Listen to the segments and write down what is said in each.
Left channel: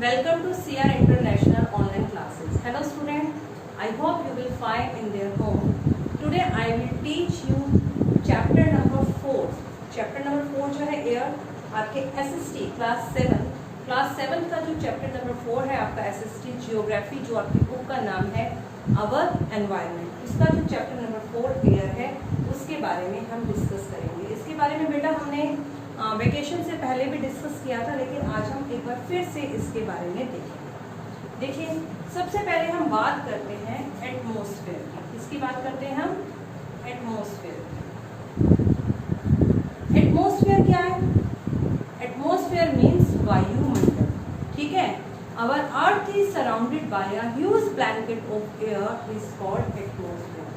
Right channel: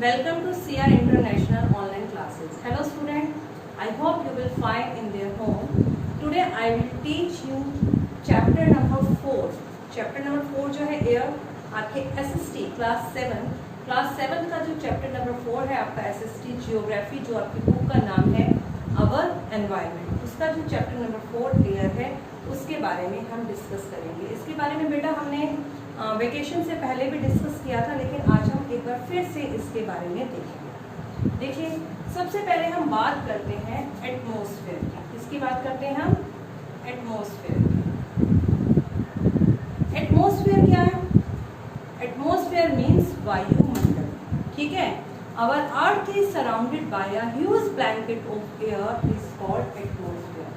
Welcome to CR International online classes. Hello student, I hope you will find in their home. Today I will teach you chapter number 4. Chapter number 4 जो है air आपके SST class 7 का जो chapter number 4 है आपका SST geography, जो आपकी book का नाम है अवर एनवायरनमेंट, उसका जो चैप्टर नंबर 4 एयर है उसके बारे में हम डिस्कस करेंगे। इसके बारे में बेटा हमने वेकेशन से पहले भी डिस्कस किया था, लेकिन आज हम एक बार फिर से इसके बारे में देखेंगे। देखिए, सबसे पहले हम बात करते हैं एटमॉस्फेयर की। किसकी बात करते हैं हम? एटमॉस्फेयर। एटमॉस्फेयर क्या है? एटमॉस्फेयर मीन्स वायुमंडल, ठीक है। Our earth is surrounded by a huge blanket of air is called atmosphere.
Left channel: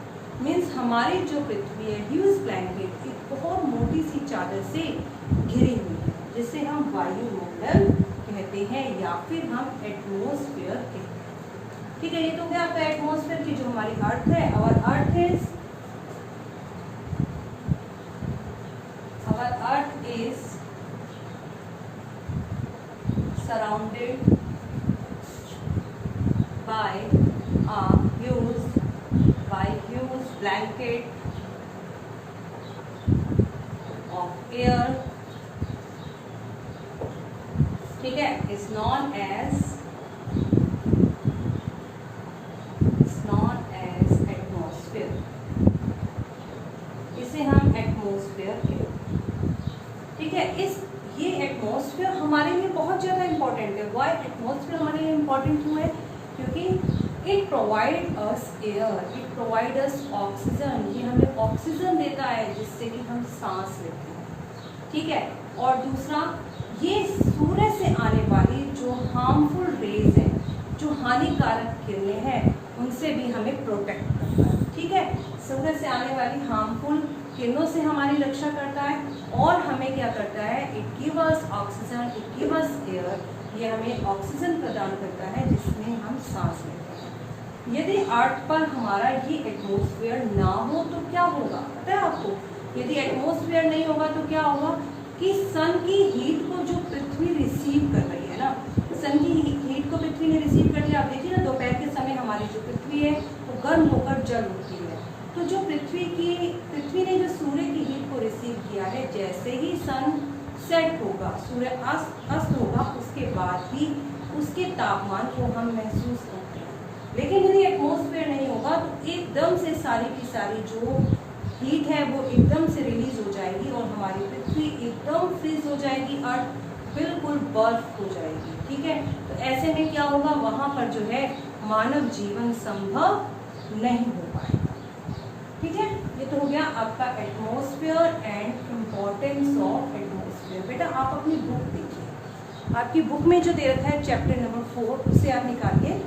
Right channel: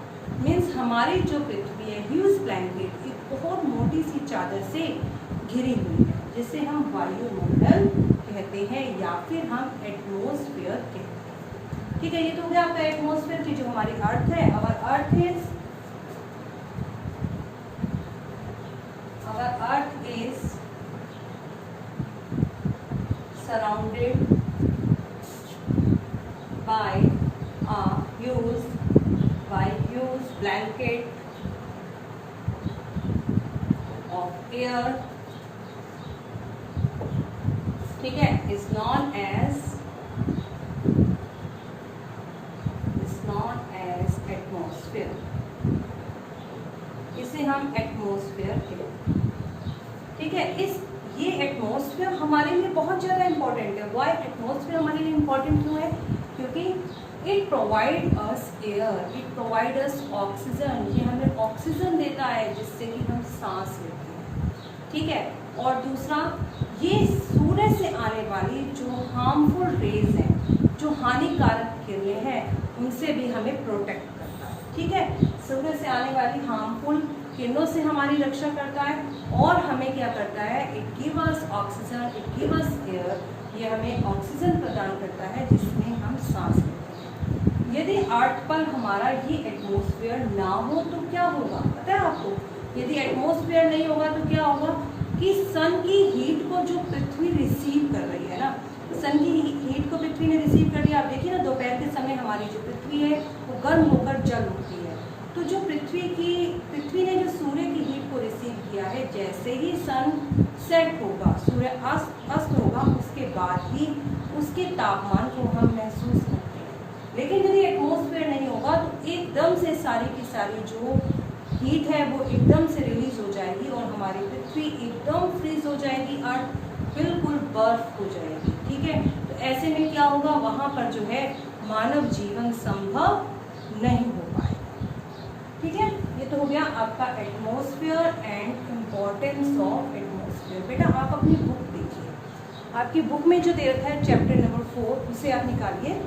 Means हमारी जो पृथ्वी है ह्यूज ब्लैंकेट, एक बहुत मोटी सी चादर से घिरी हुई है, जिसे हम वायुमंडल कहते हैं या फिर हम एटमॉस्फेयर कहते हैं, ठीक है। ये तो क्या आपका एटमॉस्फेयर की जो हमारी अर्थ है। Our earth is surrounded by a huge blanket of air, ठीक है, is known as atmosphere। इसे हम एटमॉस्फेयर कहते हैं, ठीक है। ये एटमॉस्फेयर हमारे लिए बहुत ज्यादा इंपॉर्टेंट है। वाई एटमॉस्फेयर हमारे लिए इंपॉर्टेंट क्यों है? क्योंकि it provide us air, it provide us oxygen. ये हमें ऑक्सीजन देता है जिससे कि हम सांस लेते हैं, ठीक है। और दूसरा, ये सूर्य से आने वाली जो हार्मफुल रेज हैं, जो हानिकारक किरणें हैं, उनसे भी हमें प्रोटेक्ट करता है, ठीक है। सूर्य से आने वाली हार्मफुल किरणों से हमारी रक्षा करता है और हमें क्या करता है? It give us oxygen, it give us air. ये हमें ऑक्सीजन प्रदान करता है जिसमें हम सांस लेते हैं। यदि अर्थ पर हमारा ये एटमॉस्फेयर ना हो तो क्या होगा पता है आपको? यदि एटमॉस्फेयर नहीं होगा तो क्या होगा कि सन की हीट को जो पृथ्वी रिसीव कर रही है ना, सन की हीट को पृथ्वी ने रिसीव कर लिया। आप देखिए ना, दोपहर के समय हमारी जो पृथ्वी है वो गर्म होकर जल उठती है। तो जो पृथ्वी ने जो सूर्य की हीट को रिसीव किया है, जैसे ही सन सेट होगा, सूर्य अस्त होगा, उसके बाद ही उसके तापमान को हम महसूस करते हैं। लेकिन यदि एटमॉस्फेयर नहीं होगा तो एकदम से सारी की सारी जो हीट है वो एकदम से रिलीज हो जाएगी और हमारी पृथ्वी एकदम फ्रीज हो जाएगी, अर्थ बिल्कुल बर्फ हो जाएगी, ठीक है। तो ऐसे में क्या होगा? वहां पर जो है मानव जीवन संभव नहीं हो पाएगा, ठीक है। ये तो हो गया आपका atmosphere and importance of atmosphere. बेटा आप अपनी बुक देखिए, आपकी बुक में जो दे रखा है चैप्टर नंबर 4, उसे आप निकालिए।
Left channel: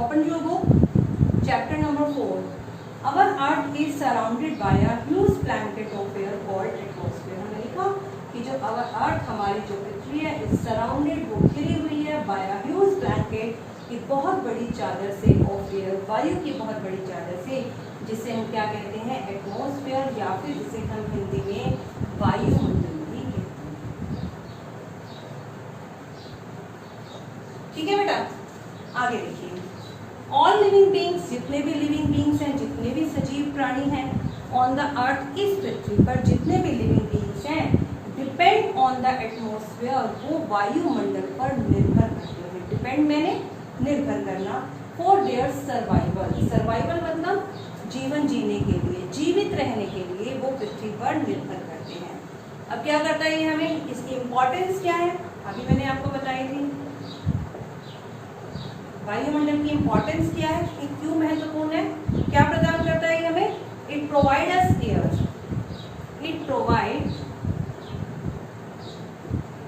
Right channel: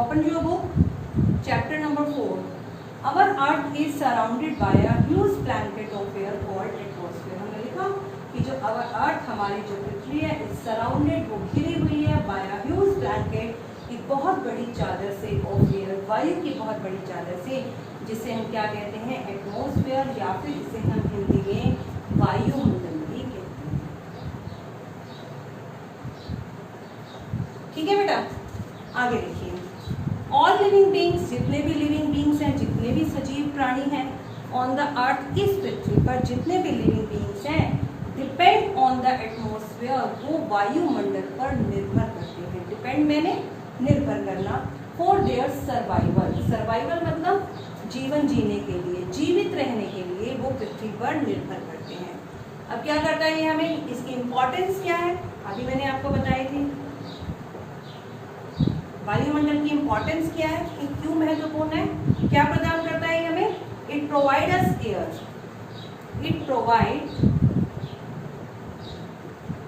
Open your book, chapter number 4। Our earth is surrounded by a huge blanket of air called atmosphere. हमने लिखा कि जो अवर अर्थ, हमारी जो पृथ्वी है, इज सराउंडेड, वो घिरी हुई है, बाय अ ह्यूज ब्लैंकेट, की बहुत बड़ी चादर से, ऑफ एयर, वायु की बहुत बड़ी चादर से, जिसे हम क्या कहते हैं? एटमॉस्फेयर, या फिर जिसे हम हिंदी में वायुमंडल भी कहते हैं, ठीक है बेटा। आगे देखिए, ऑल लिविंग बींग्स, जितने भी लिविंग बींग्स हैं, जितने भी सजीव प्राणी हैं ऑन द अर्थ, इस पृथ्वी पर जितने भी लिविंग बींग्स हैं, डिपेंड ऑन द एटमॉस्फेयर, वो वायुमंडल पर निर्भर करते हैं। डिपेंड मैंने निर्भर करना, फॉर देयर सर्वाइवल। सर्वाइवल मतलब जीवन जीने के लिए, जीवित रहने के लिए वो पृथ्वी पर निर्भर करते हैं। अब क्या करता है ये हमें? इसकी इंपॉर्टेंस क्या है अभी मैंने आपको बताई थी। वायुमंडल की इंपॉर्टेंस क्या है, ये क्यों महत्वपूर्ण है, क्या प्रदान करता है ये हमें? It provide us air, it provide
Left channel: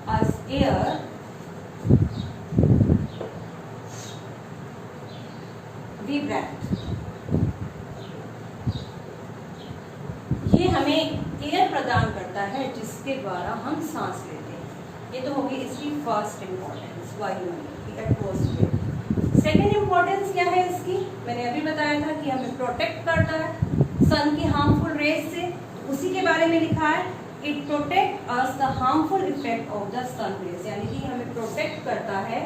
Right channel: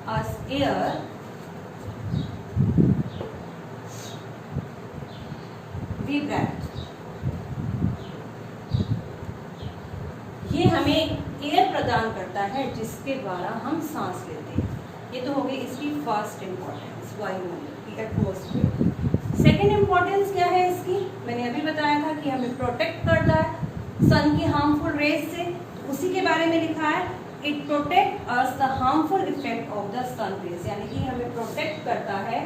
us air we breathe. ये हमें एयर प्रदान करता है जिसके द्वारा हम सांस लेते हैं। ये तो हो गई इसकी फर्स्ट इंपॉर्टेंस, वायुमंडल की, एटमॉस्फेयर। सेकेंड इंपॉर्टेंस क्या है इसकी? मैंने अभी बताया था कि हमें प्रोटेक्ट करता है सन की हार्मफुल रेज से, उसी के बारे में लिखा है। It protect us the harmful effect of the sun rays, यानी कि हमें प्रोटेक्ट करता है,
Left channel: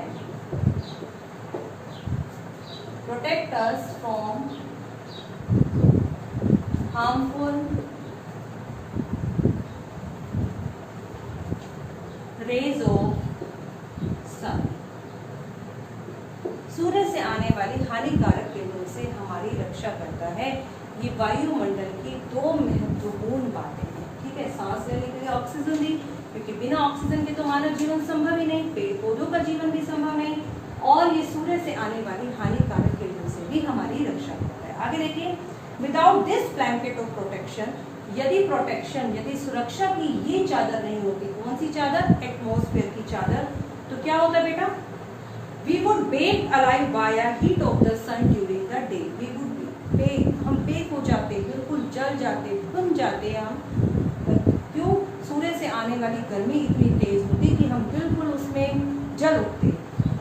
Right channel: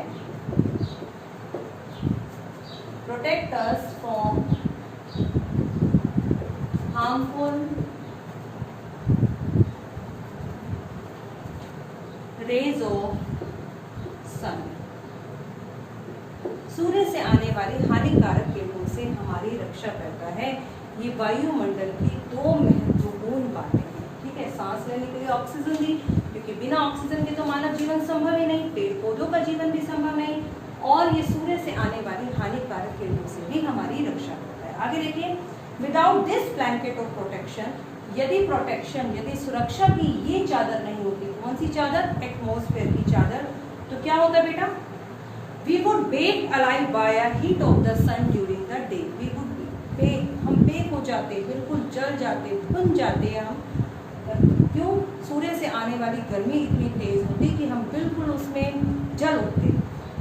protect us from harmful rays of sun. सूर्य से आने वाली हानिकारक किरणों से हमारी रक्षा करता है। ये वायुमंडल की दो महत्वपूर्ण बातें हैं, ठीक है। सांस लेने के लिए ऑक्सीजन दी, क्योंकि बिना ऑक्सीजन के तो मानव जीवन संभव ही नहीं, पेड़ पौधों का जीवन भी संभव नहीं, और ये सूर्य से आने वाली हानिकारक किरणों से भी हमारी रक्षा करता है। आगे देखिए, without this blanket of protection, यदि प्रोटेक्शन, यदि सुरक्षा की ये चादर नहीं होती, कौन सी चादर? एटमॉस्फेयर की चादर, तो क्या होता बेटा? We would bake alive by a heat of the sun during the day. We would bake, हम बेक हो जाते, बिल्कुल जल जाते, भुन जाते हम। क्यों? सूर्य से आने वाली गर्मी इतनी तेज होती कि हम बिल्कुल उसमें जल उठते,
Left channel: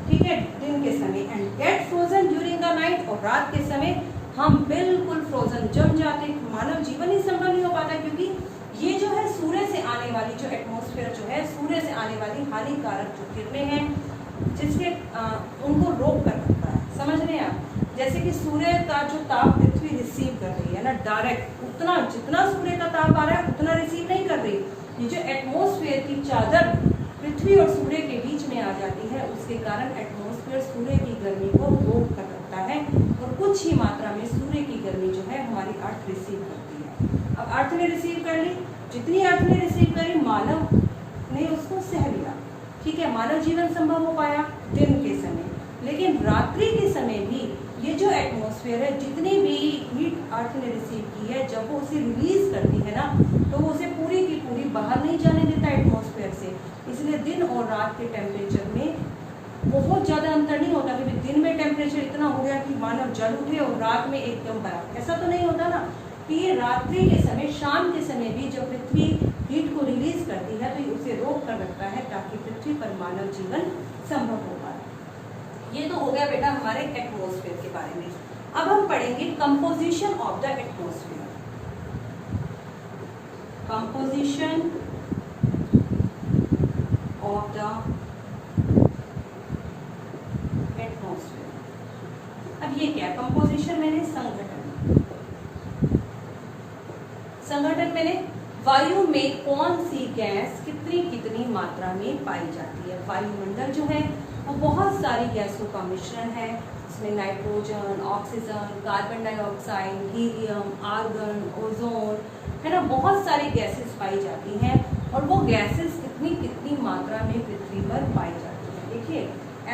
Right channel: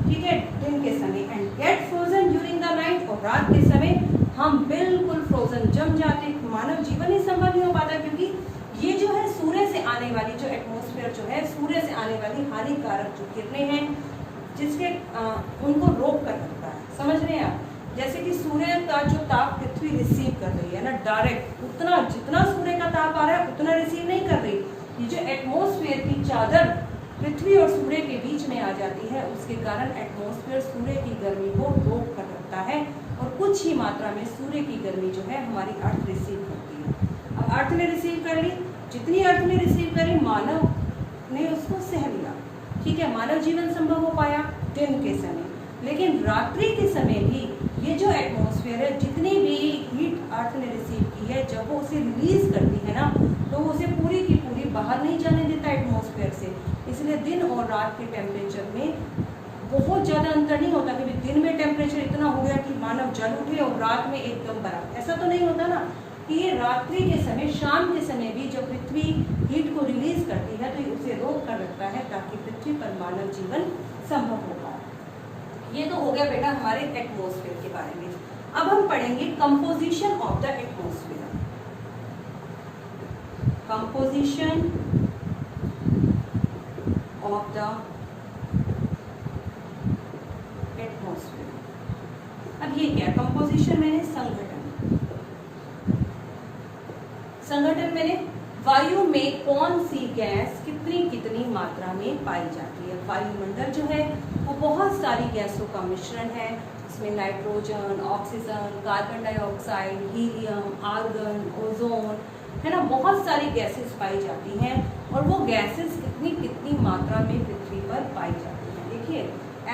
ठीक है, दिन के समय। And get frozen during the night, और रात के समय हम बिल्कुल फ्रोजन जम जाते, मानव जीवन ही संभव नहीं हो पाता, क्योंकि ये जो है सूर्य से आने वाली जो एटमॉस्फेयर जो है, सूर्य से आने वाली हानिकारक जो किरणें हैं, जिसमें उनको रोक कर रखता है। समझ रहे हैं आप? जैसे कि सूर्य का जो ताप पृथ्वी रिसीव कर रही है ना, डायरेक्ट उतना, जितना सूर्य का ताप आ रहा है उतना रिसीव नहीं कर रही। ये जो एटमॉस्फेयर की चादर पृथ्वी और सूर्य के बीच में आ जाती है, उसके कारण एटमॉस्फेयर सूर्य की गर्मी को रोक कर रखता है, और कुछ ही मात्रा में सूर्य की गर्मी जो है हमारी अर्थ रिसीव करती है। अब अर्थ ने रिसीव कर ली, जितनी अर्थ ने रिसीव करी, मानव ने उसको सह लिया, ठीक है, मानव जीवन संभव हो पाया दिन के समय। लेकिन रात्रि के समय भी ये जो एटमॉस्फेयर है, जितनी भी हीट अर्थ ने रिसीव की है, जब वो उसे रिलीज करती है ना, तो उसे पूरी की पूरी बाहर नहीं जाने देता एटमॉस्फेयर से। इसलिए दिन और रात के टेम्परेचर में बहुत ज़्यादा अंतर नहीं होता। क्योंकि दिन में टेम्परेचर इतना हो गया कि मानव जल उठे और रात में एकदम बर्फ, ऐसा तो नहीं होता ना। कि ये रात्रि के समय, शाम के समय भी जब पृथ्वी हीट को रिलीज करती है, तो उसे रोक कर रखता है, ताकि पृथ्वी पर मानव जीवन संभव हो पाए। ये तो हो गया बेटा हमारे एटमॉस्फेयर के बारे में। अब हम पढ़ेंगे composition of the atmosphere. Composition of the atmosphere. अब ये क्या? कंपोजिशन मैंने संगठन, संगठन मैंने वायु में कौन सी गैस कितनी कितनी मात्रा में पाई जाती है। वायुमंडल जो है वो बहुत सारी गैसों का मिश्रण है। इसमें nitrogen, oxygen, carbon dioxide, helium, argon, ozone, है ना, बहुत सारी गैसेस पाई जाती हैं। और वो गैसेस कितनी कितनी मात्रा में पृथ्वी पर पाई जाती हैं। देखिए,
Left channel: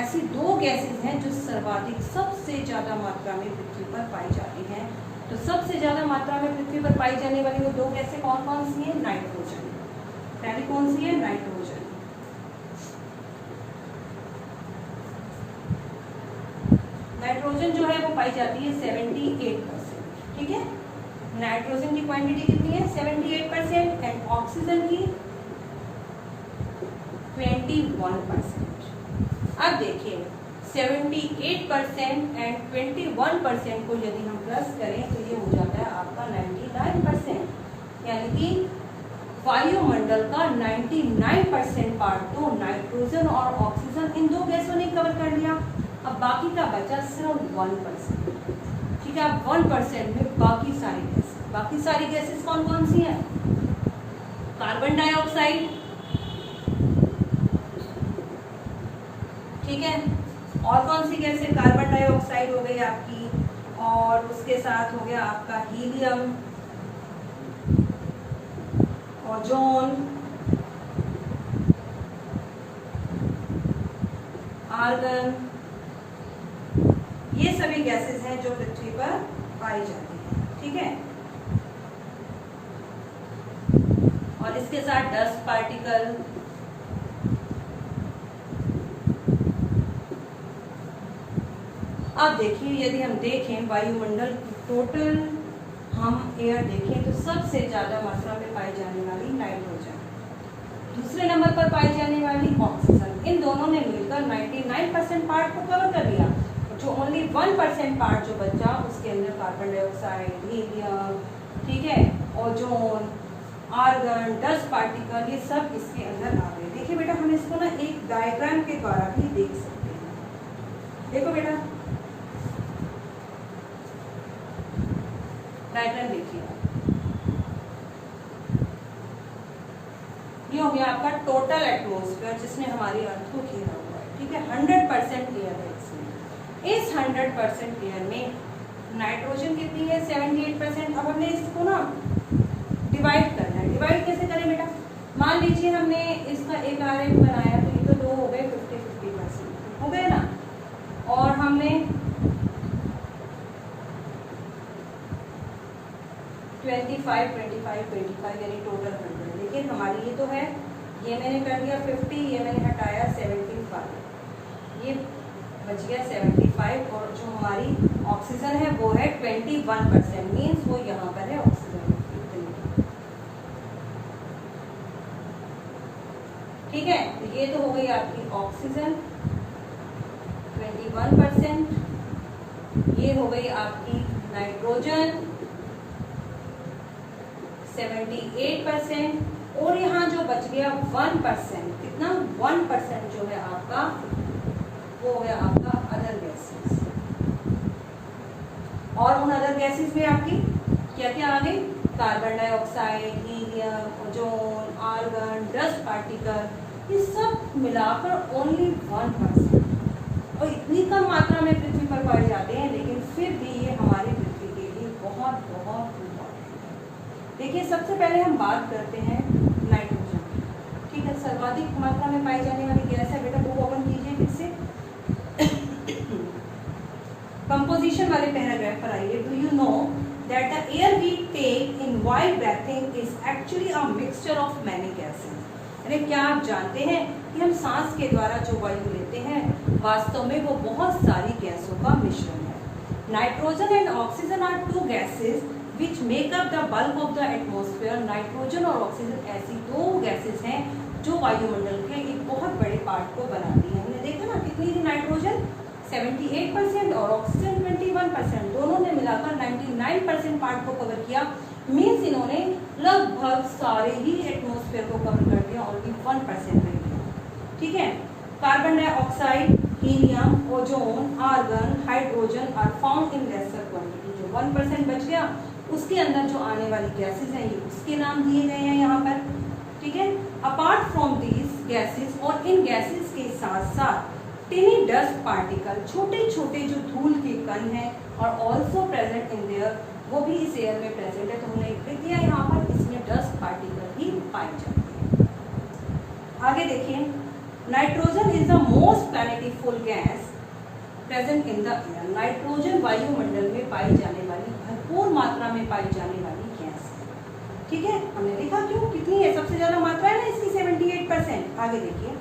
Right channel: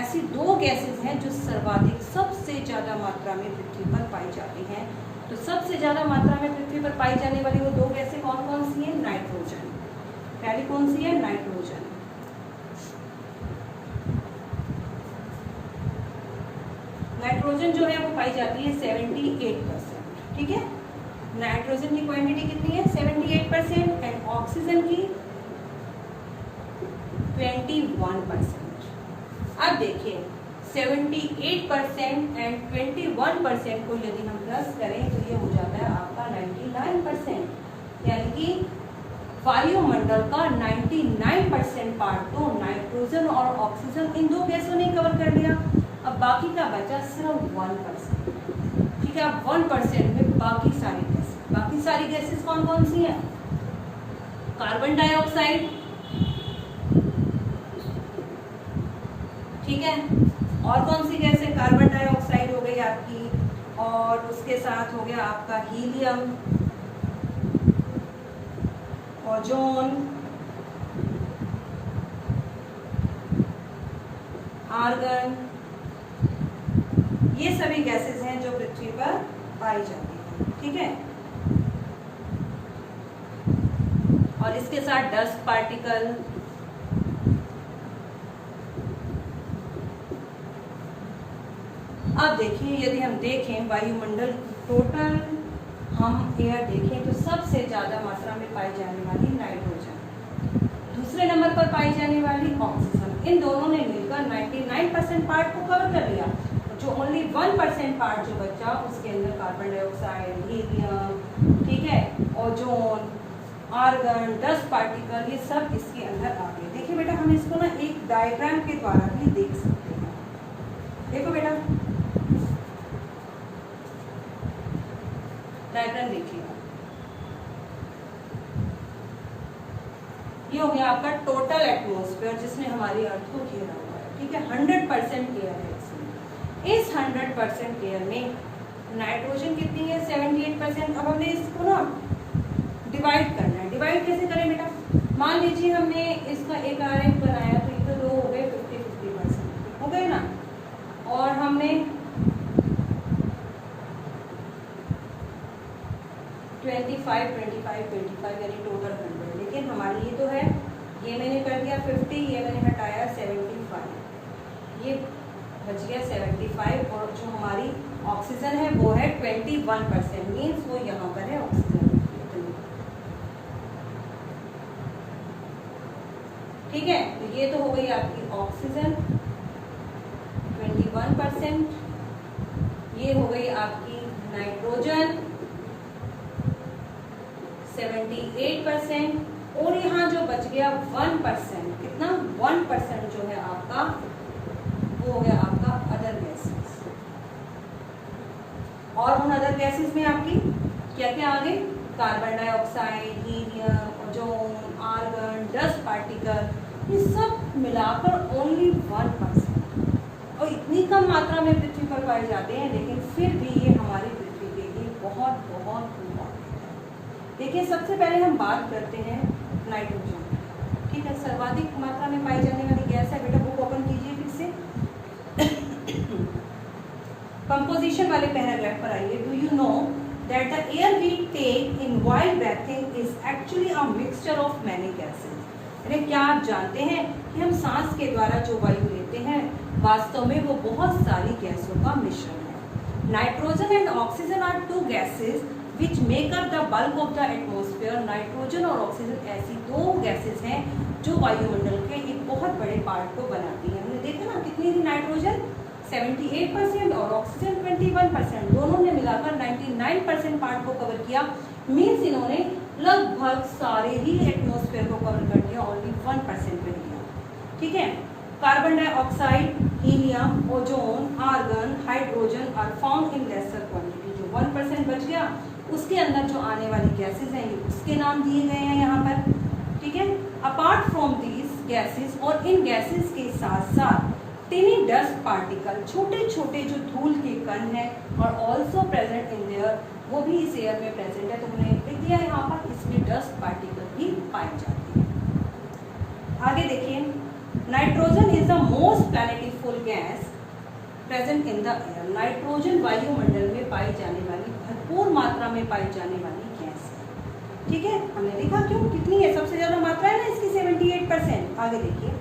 ऐसी दो गैसेस हैं जो सर्वाधिक, सबसे ज़्यादा मात्रा में पृथ्वी पर पाई जाती हैं। तो सबसे ज़्यादा मात्रा में पृथ्वी पर पाई जाने वाली वो दो गैसें कौन कौन सी हैं? नाइट्रोजन। पहली कौन सी है? नाइट्रोजन। नाइट्रोजन जो है वो पाई जाती है 78%, ठीक है। नाइट्रोजन की क्वांटिटी कितनी है? 78%। एंड ऑक्सीजन की 21%। अब देखिए, 78% एंड 21% को यदि हम प्लस करें तो ये हो जाता है आपका 99%। यानी कि वायुमंडल का 99% पार्ट तो नाइट्रोजन और ऑक्सीजन, इन दो गैसों ने कवर कर लिया। अब बाकी का बचा सिर्फ 1%, ठीक है। अब 1% में बाकी सारी गैसेस, बाकी सारी गैसेस कौन कौन सी हैं? कार्बन डाइऑक्साइड, ठीक है। और कौन सी गैस है? कार्बन डाइऑक्साइड हो गई आपकी, और उसके साथ हो गया आपका हीलियम, ओजोन, आर्गन, ये सभी गैसेस हैं जो पृथ्वी पर पाई जाती हैं, ठीक है। और इसके साथ डस्ट पार्टिकल, अब देखिए, यदि हम देखें वायुमंडल की टोटल हम एयर देखें तो सबसे ज्यादा मात्रा में पाई जाने वाली नाइट्रोजन, दूसरे नंबर पर पाई जाने वाली ऑक्सीजन। इन दोनों ने मिलकर 99% पार्ट को कवर कर लिया। जो ओनली 1% पार्ट जो बचा, उसके अंदर कार्बन डाइऑक्साइड, हीलियम, ठीक है, ओजोन, आर्गन, डस्ट पार्टिकल, ये सब इसके अंदर आ गए। देखिए बेटा हम इसको ना एक डायग्राम के द्वारा भी देख सकते हैं। देखो बेटा डायग्राम देखिए, ये हो गया आपका टोटल एटमॉस्फेयर जिसने हमारी अर्थ को घेरा हुआ है। ठीक है, 100% एयर है इसमें। इस 100% एयर में नाइट्रोजन कितनी है? 78%। अब हमने इसको ना डिवाइड करना है। डिवाइड कैसे करें बेटा? मान लीजिए हमने इसका एक आरेख बनाया तो ये तो दो हो गए 50-50% हो गए ना, और हमने 25 यानी टोटल 100। लेकिन हमारी ये तो है, ये मैंने कर दिया 50, ये मैंने हटाया 75, ये बच गया 75, और जो हमारी ऑक्सीजन है वो है 21%, मीन्स वो यहाँ पर है ऑक्सीजन। ठीक है, तो ये तो हो गई आपकी ऑक्सीजन 21%, ये हो गई आपकी नाइट्रोजन 78%, और यहाँ जो बच गया 1%, कितना? 1% जो है आपका वो हो गया आपका अदर गैसेस। और उन अदर गैसेस में आपकी क्या क्या आ गई? Carbon dioxide, helium, ozone, argon, dust particle, ये सब मिलाकर ओनली 1%। और इतनी कम मात्रा में पृथ्वी पर पाए जाते हैं, लेकिन फिर भी ये हमारी पृथ्वी के लिए बहुत बहुत इम्पोर्टेंट। देखिए सबसे पहले हम बात करते हैं नाइट्रोजन। ठीक है, सर्वाधिक मात्रा में पाई जाने वाली गैस है। बेटा बुक ओपन कीजिए फिर से, कंपोजिशन वाले पैराग्राफ पर आइए। Do you know that the air we take in while breathing is actually a mixture of many gases. यानी क्या आप जानते हैं कि हम सांस के द्वारा जो वायु लेते हैं वास्तव में वो बहुत सारी गैसों का मिश्रण है। Nitrogen and oxygen are two gases which make up the bulk of the atmosphere. Nitrogen और ऑक्सीजन ऐसी दो गैसेस हैं जो वायुमंडल के एक बहुत बड़े पार्ट को बनाती हैं। हमने देखा ना कितनी थी नाइट्रोजन? 78% और ऑक्सीजन 21%, दोनों ने मिलाकर 99% पार्ट को कवर किया। मीन्स इन्होंने लगभग सारे ही एटमॉस्फेयर को कवर कर दिया, ओनली 1% रह गया। ठीक है, carbon dioxide, helium, ozone, argon, hydrogen are found in lesser quantity. जो 1% बच गया उसके अंदर जो आने वाली गैसेस हैं ये उसके नाम दिए गए हैं यहाँ पर। ठीक है, अपार्ट फ्रॉम दीज गैसेस, और इन गैसेस के साथ साथ टिनी डस्ट पार्टिकल, छोटे छोटे जो धूल के कण हैं, और ऑल्सो प्रेजेंट इन देयर, वो भी इस एयर में प्रेजेंट है। तो हमने लिख दिया यहाँ पर, इसमें डस्ट पार्टिकल भी पाए जाते हैं। आगे देखिए, nitrogen is the most plentiful gas present in the air. Nitrogen वायुमंडल में पाई जाने वाली भरपूर मात्रा में पाई जाने वाली गैस है। ठीक है, हमने देखा क्यों, कितनी है? सबसे ज्यादा मात्रा है ना इसकी 78%। आगे देखिए,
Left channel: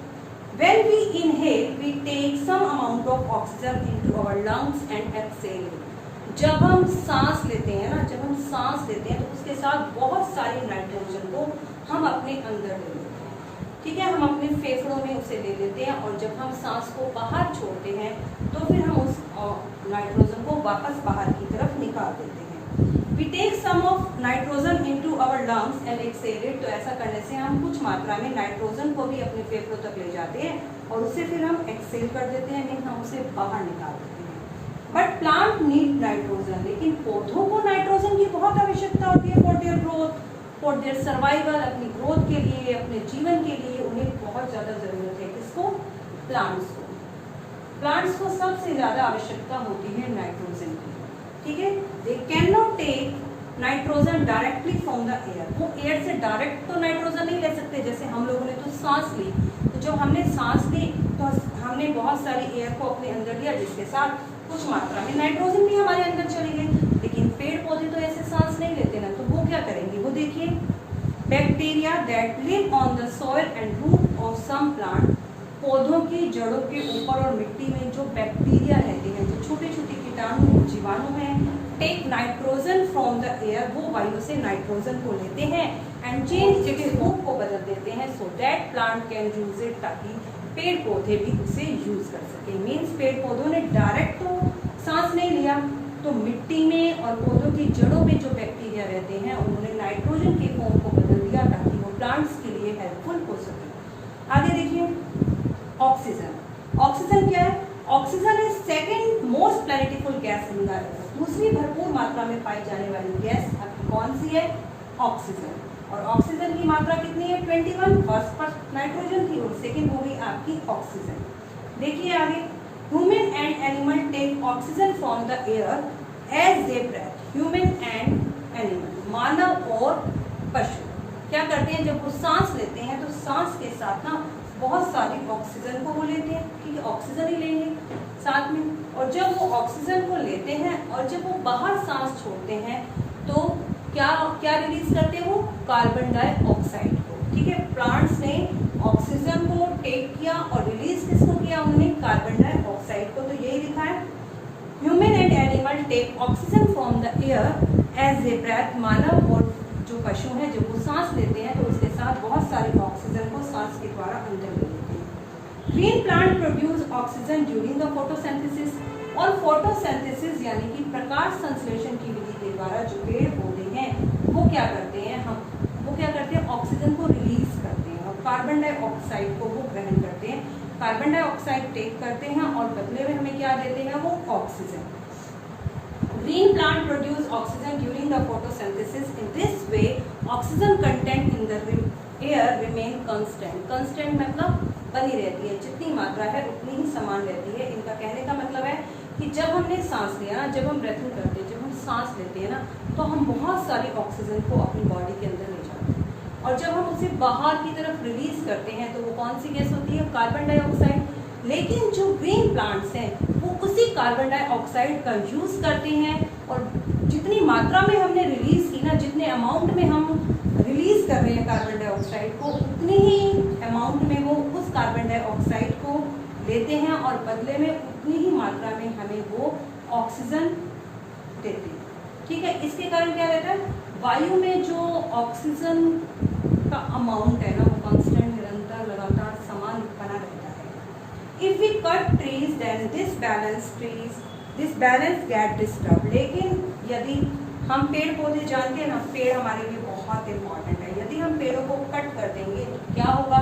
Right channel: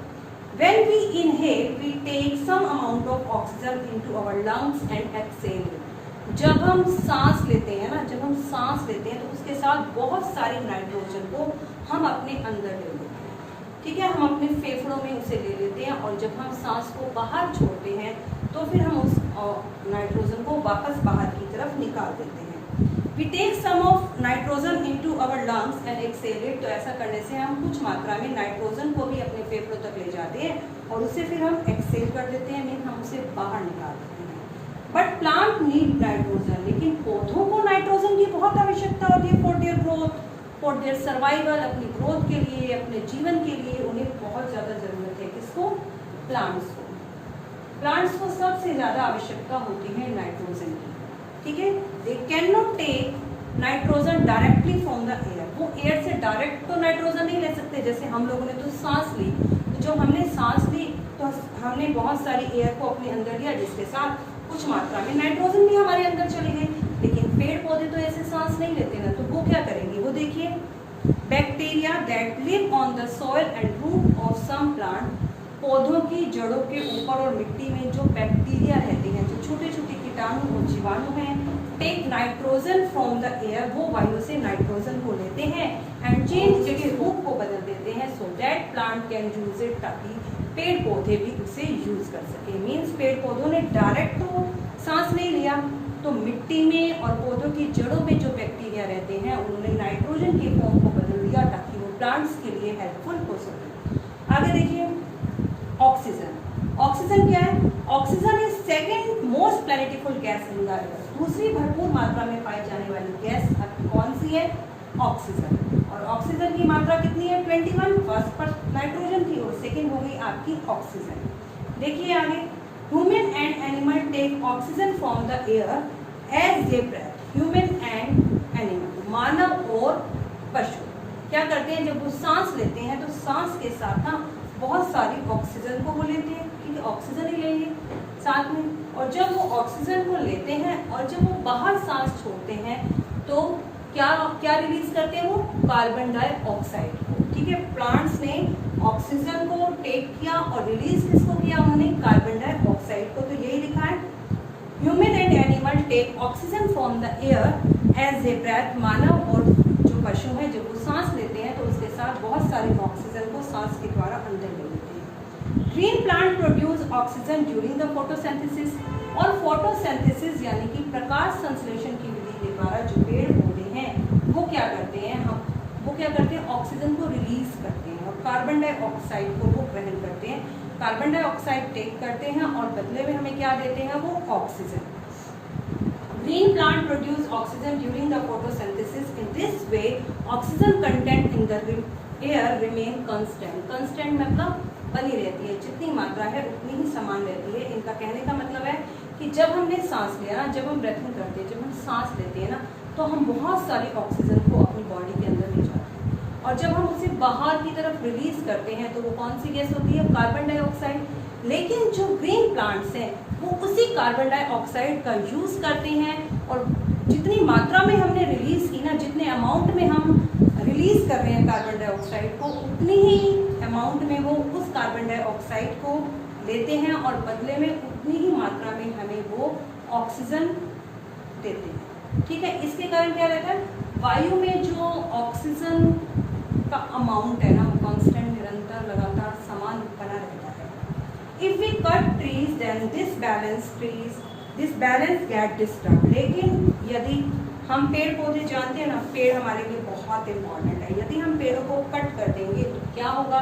when we inhale we take some amount of oxygen into our lungs and exhale it। जब हम सांस लेते हैं ना, जब हम सांस लेते हैं तो उसके साथ बहुत सारी नाइट्रोजन को हम अपने अंदर ले लेते हैं। ठीक है, हम अपने फेफड़ों में उसे ले लेते हैं, और जब हम सांस को बाहर छोड़ते हैं तो फिर हम उस नाइट्रोजन को वापस बाहर की तरफ निकाल देते हैं। We take some of nitrogen into our lungs and exhale it। तो ऐसा करने से हम कुछ मात्रा में नाइट्रोजन को भी अपने फेफड़ों तक ले जाते हैं, और उसे फिर हम एक्सेल कर देते हैं, मीन हम उसे बाहर निकाल देते हैं। बट प्लांट नीड नाइट्रोजन, लेकिन पौधों को नाइट्रोजन की बहुत आवश्यकता होती है for their growth, for their survival. अपनी ग्रोथ के लिए, अपने जीवन के लिए उन्हें बहुत ज़्यादा ज़रूरत है। किसको? प्लांट्स को। प्लांट्स को सबसे ज़्यादा आवश्यकता होती है नाइट्रोजन की। ठीक है, they can not take nitrogen directly from the air. वो एयर से डायरेक्ट तो नाइट्रोजन नहीं ले सकते। जैसे हम लोगों ने तो सांस ली, तो जब हमने सांस ली तो हमने बहुत सारी एयर को अपने अंदर लिया, जिसके साथ कुछ मात्रा में नाइट्रोजन भी हमारे अंदर चली गई। लेकिन पेड़ पौधे तो ऐसे सांस नहीं लेते ना, तो वो क्या करेंगे? वो देखिए, bacteria that live on the soil and root of some plant. पौधों की जड़ों के ऊपर और मिट्टी में जो बैक्टीरिया रहते हैं, जो छोटे छोटे कीटाणु और जीवाणु हैं, take nitrogen from the air. वो वायु से नाइट्रोजन को लेते हैं एंड चेंज इट्स रूप को बदल देते हैं, so that plant can use it, ताकि पेड़ पौधे भी उसे यूज कर सके। मीन्स पेड़ पौधों ने डायरेक्ट तो सांस नहीं लिया, तो मिट्टी में और पौधों की जड़ों में जो बैक्टीरिया रहते हैं उन्होंने नाइट्रोजन के फॉर्म को बदल दिया ताकि वो प्लांट्स के लिए हेल्पफुल हो सके। आगे देखिए ऑक्सीजन। ऑक्सीजन क्या है? Oxygen is second most plentiful gas in the earth. दूसरी भरपूर मात्रा में पाई जाने वाली गैस कौन सी है? ऑक्सीजन। और ऑक्सीजन की मात्रा कितनी है? 21। फर्स्ट पर नाइट्रोजन की और सेकंड हो गई आपकी ऑक्सीजन। देखिए आगे, human and animal take oxygen from the air as they breathe. Human and animal, मानव और पशु क्या करते हैं? जब वो सांस लेते हैं तो सांस के साथ ना बहुत सारी ऑक्सीजन को वो लेते हैं, क्योंकि ऑक्सीजन ही लेंगे साथ में। और जब वो ऑक्सीजन को लेते हैं और जब वो बाहर सांस छोड़ते हैं तो क्या रिलीज करते हैं? वो कार्बन डाइऑक्साइड को। ठीक है, प्लांट्स ने ऑक्सीजन को टेक किया और रिलीज किसको किया? उन्होंने कार्बन डाइऑक्साइड को। तो यही लिखा है, human and animal take oxygen from the air as they breathe. मानव और जो पशु है जब वो सांस लेते हैं तो उसके साथ बहुत सारी ऑक्सीजन को सांस के द्वारा अंदर ले लेते हैं। Green plant produce oxygen during the photosynthesis. और फोटोसिंथेसिस यानी कि प्रकाश संश्लेषण की विधि के द्वारा जो पेड़ पौधे हैं वो क्या करते हैं? ऑक्सीजन को रिलीज करते हैं और कार्बन डाइऑक्साइड को वो ग्रहण करते हैं। कार्बन डाइऑक्साइड टेक करते हैं और बदले में हमें क्या देते हैं? वो oxygen. Green plant produce oxygen during the photosynthesis. In this way, oxygen content in the air remain constant. Constant मतलब बनी रहती है, जितनी मात्रा है उतनी ही समान रहती है। इनका कहने का मतलब है कि जब हमने सांस लिया ना, जब हम ब्रीथिंग करते हैं, जब हम सांस लेते हैं ना, तो हम बहुत सारी ऑक्सीजन को अपनी बॉडी के अंदर ले जाते हैं और जब हम उसे बाहर की तरफ रिलीज करते हैं तो वो कौन सी गैस होती है? Carbon dioxide. लेकिन जो ग्रीन प्लांट्स हैं वो उसी कार्बन डाइऑक्साइड का यूज करते हैं और जितनी मात्रा में हमने रिलीज की ना, जितने अमाउंट में हम रिलीज कर रहे हैं कार्बन डाइऑक्साइड को, उतनी ही अमाउंट में वो उस कार्बन डाइऑक्साइड को लेते हैं और बदले में उतनी ही मात्रा में हमें वो ऑक्सीजन देते हैं। ठीक है, इसके कारण क्या रहता है? वायु में जो ऑक्सीजन का अमाउंट है ना वो कांस्टेंट, निरंतर, लगातार समान बना रहता है। If we cut trees, then this balance get disturbed. लेकिन यदि हम पेड़ पौधे जानते हैं ना, पेड़ हमारे लिए बहुत इम्पोर्टेंट है। यदि हम पेड़ों को कट कर देंगे तो क्या होगा?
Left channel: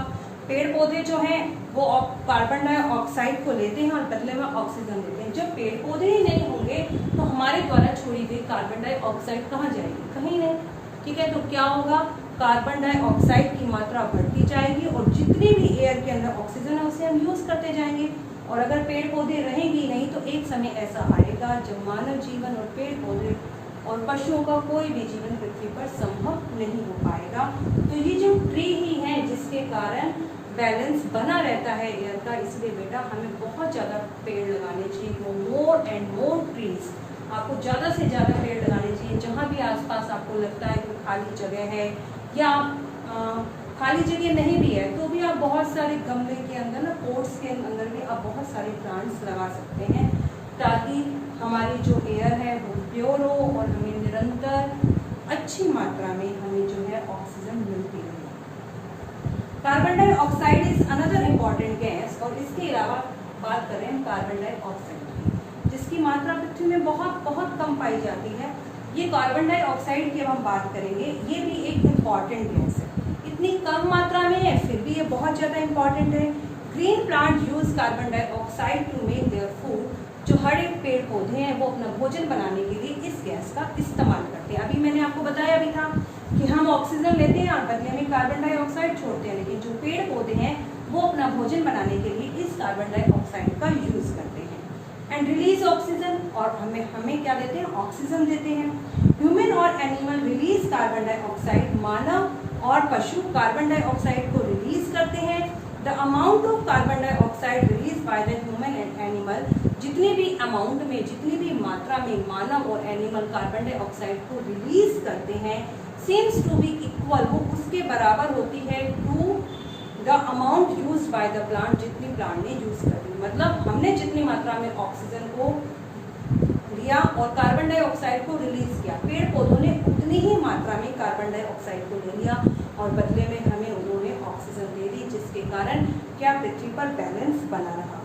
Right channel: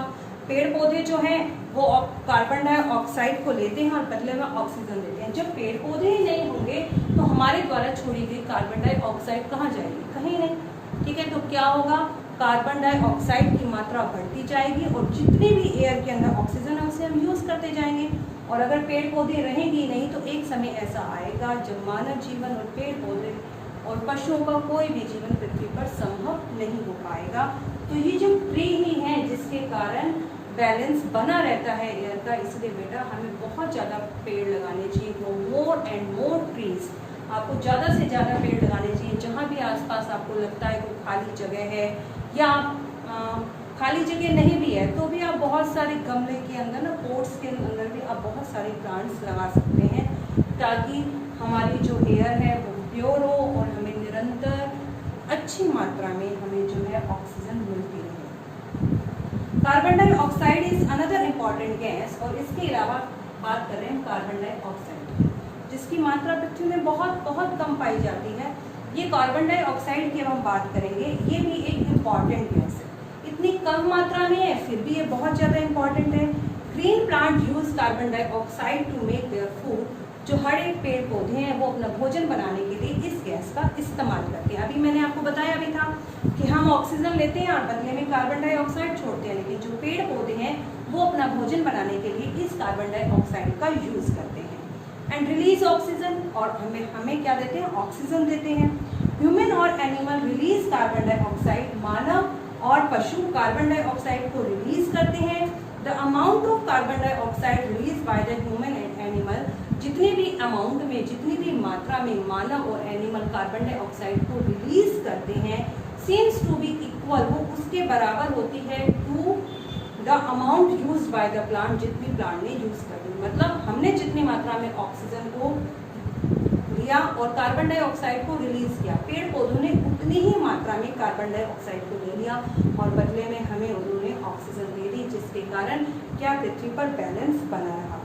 पेड़ पौधे जो हैं वो कार्बन डाइऑक्साइड को लेते हैं और बदले में ऑक्सीजन देते हैं। जब पेड़ पौधे ही नहीं होंगे तो हमारे द्वारा छोड़ी गई कार्बन डाइऑक्साइड कहाँ जाएगी? कहीं नहीं। ठीक है, तो क्या होगा? कार्बन डाइऑक्साइड की मात्रा बढ़ती जाएगी और जितनी भी एयर के अंदर ऑक्सीजन है उसे हम यूज करते जाएंगे। और अगर पेड़ पौधे रहेंगे नहीं तो एक समय ऐसा आएगा जब मानव जीवन और पेड़ पौधे और पशुओं का कोई भी जीवन पृथ्वी पर संभव नहीं हो पाएगा। तो ये जो ट्री ही है जिसके कारण बैलेंस बना रहता है एयर का, इसलिए बेटा हमें बहुत ज़्यादा पेड़ लगाने चाहिए। मोर एंड मोर ट्रीज, आपको ज़्यादा से ज़्यादा पेड़ लगाने चाहिए। जहाँ भी आसपास आपको लगता है कोई खाली जगह है या खाली जगह नहीं भी है तो भी आप बहुत सारे गमले के अंदर ना, पोट्स के अंदर भी आप बहुत सारे प्लांट्स लगा सकते हैं ताकि हमारी जो एयर है वो प्योर हो और हमें निरंतर अच्छी मात्रा में हमें जो है ऑक्सीजन मिलती रहे। Carbon dioxide is another important gas. और इसके अलावा बात कर रहे हैं कार्बन डाइऑक्साइड जिसकी मात्रा पृथ्वी में बहुत बहुत कम पाई जाती है। ये कार्बन डाइऑक्साइड की हम बात करेंगे, ये भी एक इम्पॉर्टेंट गैस है। इतनी कम मात्रा में है फिर भी ये बहुत ज़्यादा इम्पॉर्टेंट है। Green plant use carbon dioxide to make their food. जो हर एक पेड़ पौधे हैं वो अपना भोजन बनाने के लिए इस गैस का इस्तेमाल करते हैं। अभी मैंने आपको बताया भी था कि हम ऑक्सीजन लेते हैं और बदले में कार्बन डाइऑक्साइड छोड़ते हैं, लेकिन जो पेड़ पौधे हैं वो अपना भोजन बनाने के लिए इस कार्बन डाइऑक्साइड का यूज करते हैं एंड रिलीज ऑक्सीजन। और हमें क्या देते हैं? ऑक्सीजन देते हैं। ह्यूमन और एनिमल रिलीज कार्बन डाइऑक्साइड। मानव और पशु कार्बन डाइऑक्साइड को रिलीज करते हैं। The amount of carbon dioxide release by the human and animal, जितनी भी अमाउंट में, जितनी भी मात्रा में मानव और एनिमल कार्बन डाइऑक्साइड को रिलीज करते हैं, सीम्स टू बी इक्वल, वो उसके बराबर होती है to the amount use by the plant, जितनी प्लांट ने यूज कर दी। मतलब हमने जितनी मात्रा में ऑक्सीजन को लिया और कार्बन डाइऑक्साइड को रिलीज किया, पेड़ पौधों ने उतनी ही मात्रा में कार्बन डाइऑक्साइड को ले लिया और बदले में हमें उन्होंने ऑक्सीजन दे दी, जिसके कारण क्या पृथ्वी पर बैलेंस बना रहा।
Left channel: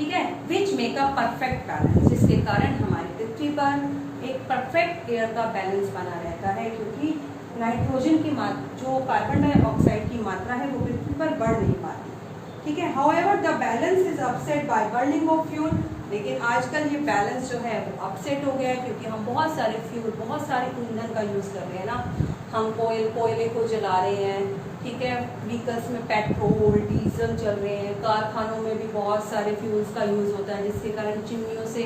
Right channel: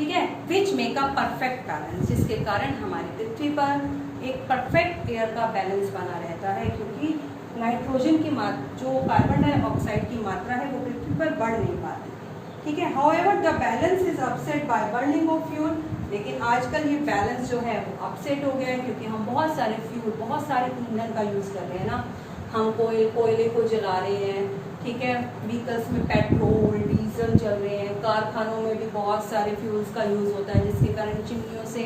ठीक है, which make a perfect balance, जिसके कारण हमारी पृथ्वी पर एक परफेक्ट एयर का बैलेंस बना रहता है, क्योंकि नाइट्रोजन की मात्रा, जो कार्बन डाइऑक्साइड की मात्रा है वो पृथ्वी पर बढ़ नहीं पाती। ठीक है, however the balance is upset by burning of fuel, लेकिन आजकल ये बैलेंस जो है वो अपसेट हो गया है, क्योंकि हम बहुत सारे फ्यूल, बहुत सारे ईंधन का यूज़ कर रहे हैं ना, हम कोयले को जला रहे हैं। ठीक है, व्हीकल्स में पेट्रोल डीजल जल रहे हैं, कारखानों में भी बहुत सारे फ्यूल्स का यूज़ होता है, जिसके कारण चिमनियों से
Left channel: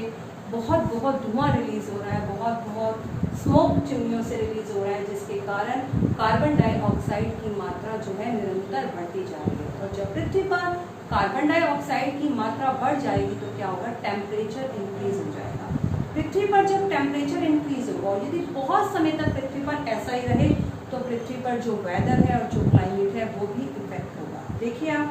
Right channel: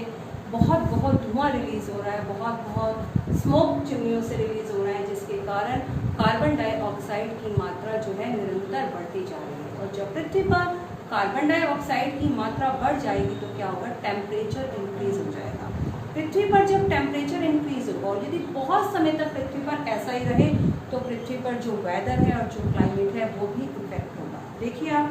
बहुत धुआं रिलीज हो रहा है, बहुत स्मोक चिमनियों से रिलीज हो रहा है, जिसके कारण कार्बन डाइऑक्साइड की मात्रा जो है निरंतर बढ़ती जा रही है। और जब पृथ्वी पर कार्बन डाइऑक्साइड की मात्रा बढ़ जाएगी तो क्या होगा, टेम्परेचर इंक्रीज हो जाएगा। पृथ्वी पर जब टेम्परेचर इंक्रीज होगा और यदि बहुत समय तक पृथ्वी पर ऐसा ही रहे तो पृथ्वी पर जो वेदर है और जो क्लाइमेट है वो भी इफेक्ट होगा। देखिए आप,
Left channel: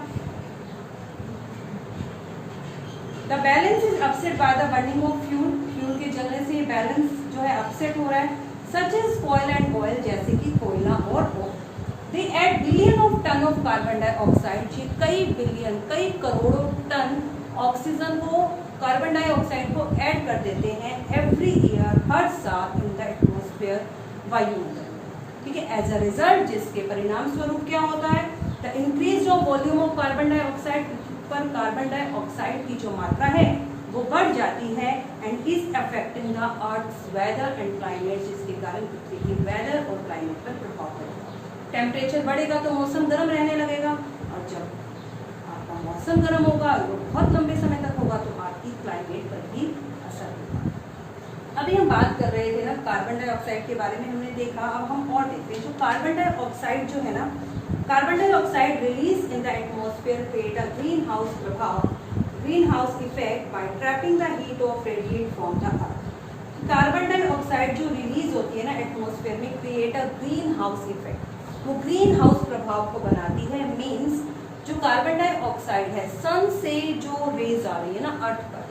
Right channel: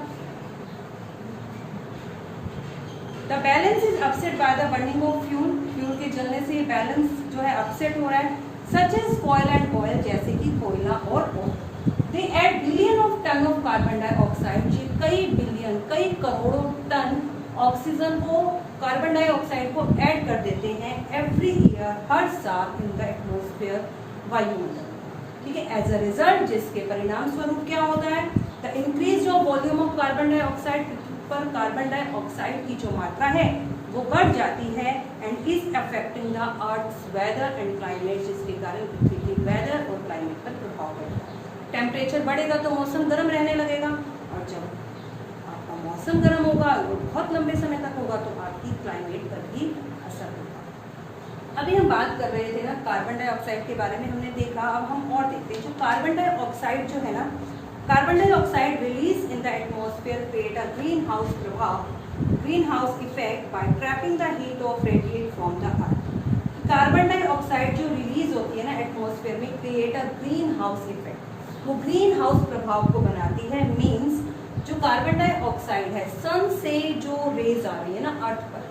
the balance is upset by the burning of fuel, fuel के जलने से ये बैलेंस जो है अपसेट हो रहा है। Such as coal and oil, जैसे कि कोयला और oil, they add billion of ton of carbon dioxide, ये कई बिलियन, कई करोड़ों टन ऑक्सीजन को, कार्बन डाइऑक्साइड को ऐड कर देते हैं एवरी ईयर, हर साल इन द एटमॉस्फेयर, वायुमंडल। ठीक है, एज अ रिजल्ट, जिसके परिणाम स्वरूप क्या होता है, the increase of volume of carbon dioxide, पर कार्बन डाइऑक्साइड की जो मात्रा है वो बढ़ जाती है, and is affecting the earth's weather and climate, जिसके कारण पृथ्वी की वेदर और क्लाइमेट पर प्रभाव पड़ेगा। टेम्परेचर बढ़ेगा तो मौसम गर्म रहने लगेगा, और जब आपका मौसम गर्म होगा वो बहुत लंबे समय तक होगा तो आपकी क्लाइमेट पर भी असर होगा। अभी हम बात कर रहे थे ना कार्बन डाइऑक्साइड के बारे में, हमने देखा, अब हम और देखते हैं। जो कार्बन डाइऑक्साइड जो है ना, carbon dioxide release in the atmosphere create a greenhouse प्रभाव, greenhouse effect by trapping the heat of radiate from the earth. Carbon dioxide जो रिलीज होती है ना एटमॉस्फेयर में, create a greenhouse effect, वो greenhouse प्रभाव को बनाती है। मीन्स जो कार्बन डाइऑक्साइड है, सन से जो रेज आ रही है ना अर्थ पर,